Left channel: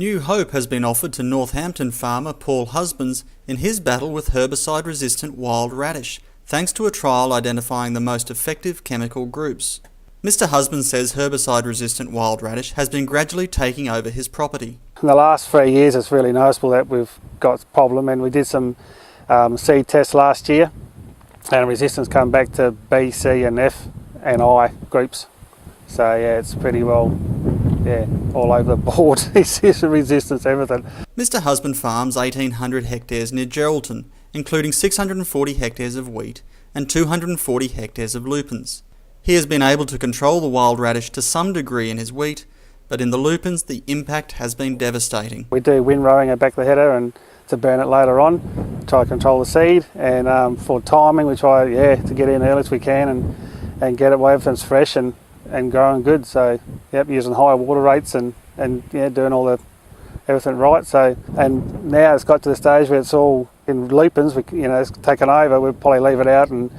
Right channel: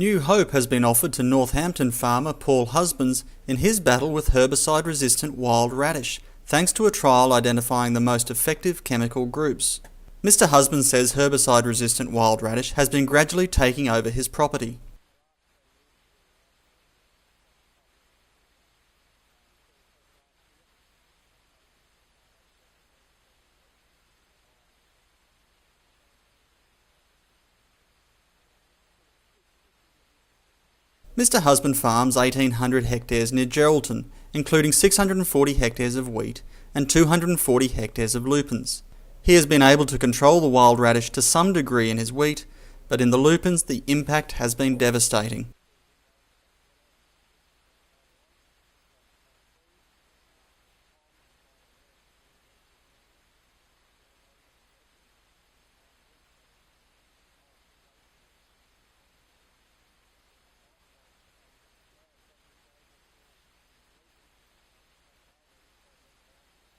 New hope has been offered to Northampton farmer Paul Husbands in his battle with herbicide-resistant wild radish, thanks to a trial identifying the most effective chemical groups. Mr. Husbands says herbicide-resistant wild radish has been gradually taking over his property. In the last 3 years it's really noticeable that we've got a problem, and we did some seed tests last year and resistance come back to B, C and F and I groups. So yeah, it's pretty well all over the board. It's resistance, everything. Mr. Husband farms 1,800 hectares near Geraldton, including 640 hectares of wheat and 240 hectares of lupins. He has been able to control the wild radish to some degree in his wheat, but in the lupins the impact has been devastating. We do windrowing at the back of the header and to burn it later on, try to control the seed, and for timing we try to get in early as we can and get it where everything's fresh and growing good. So using higher water rates and doing everything right. So, and now it's got to the stage where it's all in lupins. It's taken over. We'll probably leave it out and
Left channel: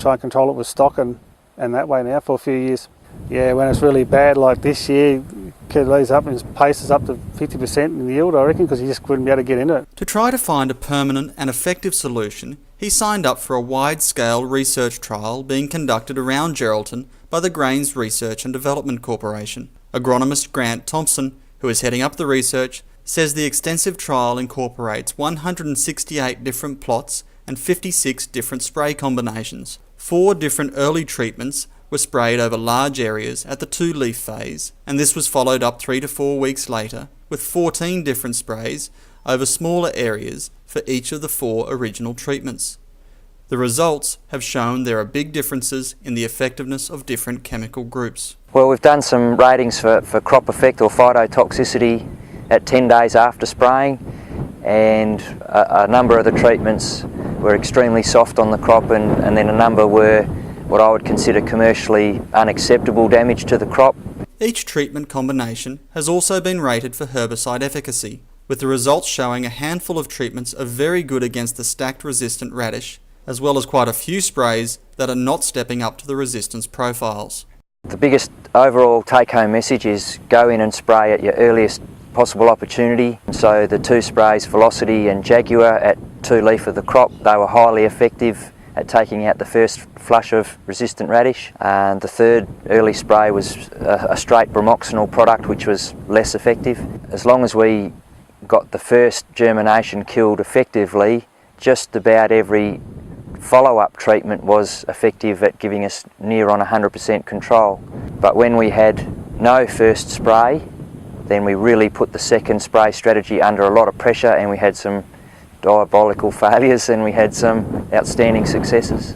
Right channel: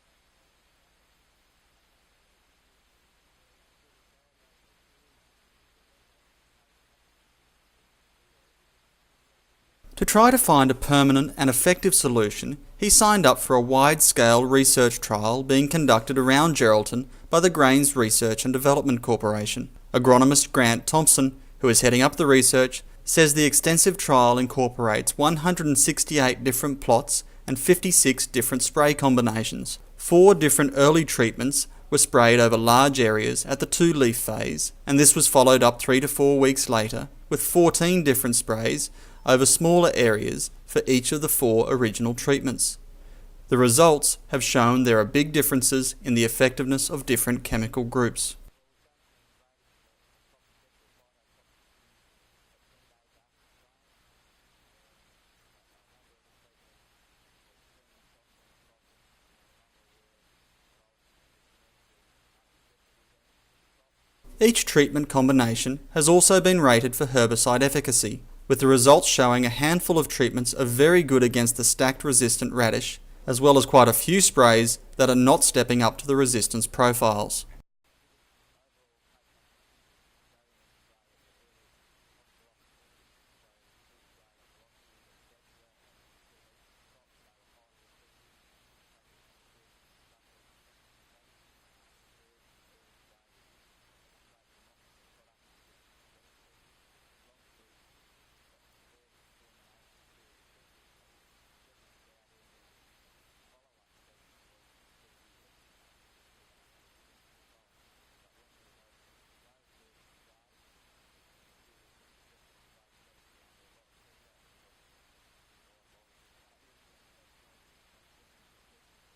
try and control it with stock and that way now for a few years. Yeah, when it's really bad like this year, could lose up and paces up to 50% in yield, I reckon, because you just wouldn't be able to get into it. To try to find a permanent and effective solution, he signed up for a wide-scale research trial being conducted around Geraldton by the Grains Research and Development Corporation. Agronomist Grant Thompson, who is heading up the research, says the extensive trial incorporates 168 different plots and 56 different spray combinations. 4 different early treatments were sprayed over large areas at the 2-leaf phase, and this was followed up 3 to 4 weeks later with 14 different sprays over smaller areas for each of the 4 original treatments. The results have shown there are big differences in the effectiveness of different chemical groups. Well, we've done some ratings for crop effect or phytotoxicity at 10 days after spraying, and a number of the treatments were extremely soft on the crop, and then a number were what I would consider commercially unacceptable damage to the crop. Each treatment combination has also been rated for herbicide efficacy, with the results showing a handful of treatments are very good against the stacked resistant radish, as well as quite a few sprays that are not stepping up to the resistance profiles. The biggest overall take-home message is go in and spray at your earliest possible opportunity. So the 2 sprays, Velocity and Jaguar, at 2-leaf of the crop, they were highly effective at taking out the first flush of resistant radish. And the 3rd early spray was a straight bromoxynil product, which was less effective. As long as we got the first germination killed effectively, just about every follow-up treatment was effective at giving us near on 100% control. But when we had no first spray, then we really put the 2nd spray strategy under a lot of pressure, and we had some diabolical failures and we had some outstanding successes.